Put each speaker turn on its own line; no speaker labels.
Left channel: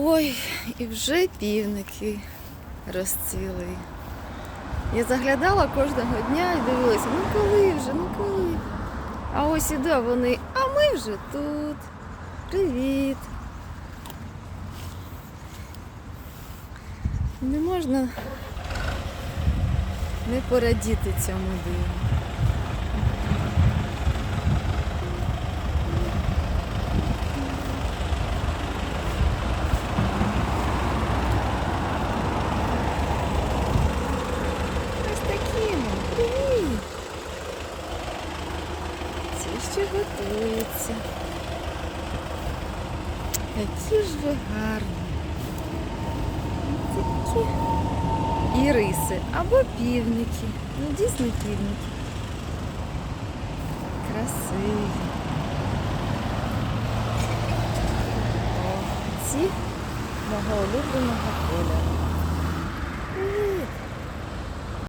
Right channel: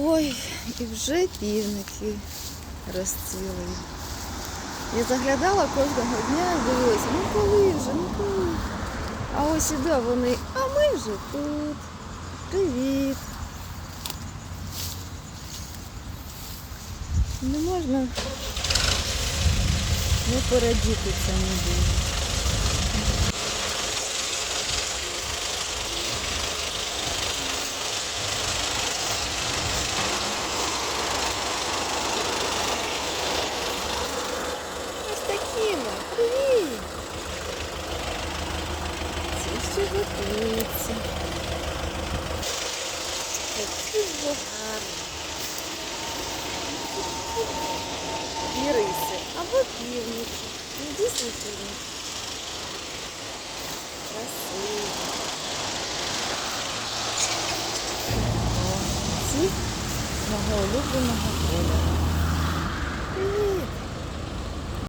Ой, і вже півники розцвіли. Я заглядала кожного дня і дивилася, ну коли вже, ну коли. А ось іду, а вони, а ми вже тут. Привіт. Не можна не порадіти цьому диву. Ось. Привіт. Ці ще готуються. Які ж ви гарні. І риси або півніки. Ну, дійсно півніки. Красиві. О, ці мого улюбленого кольору.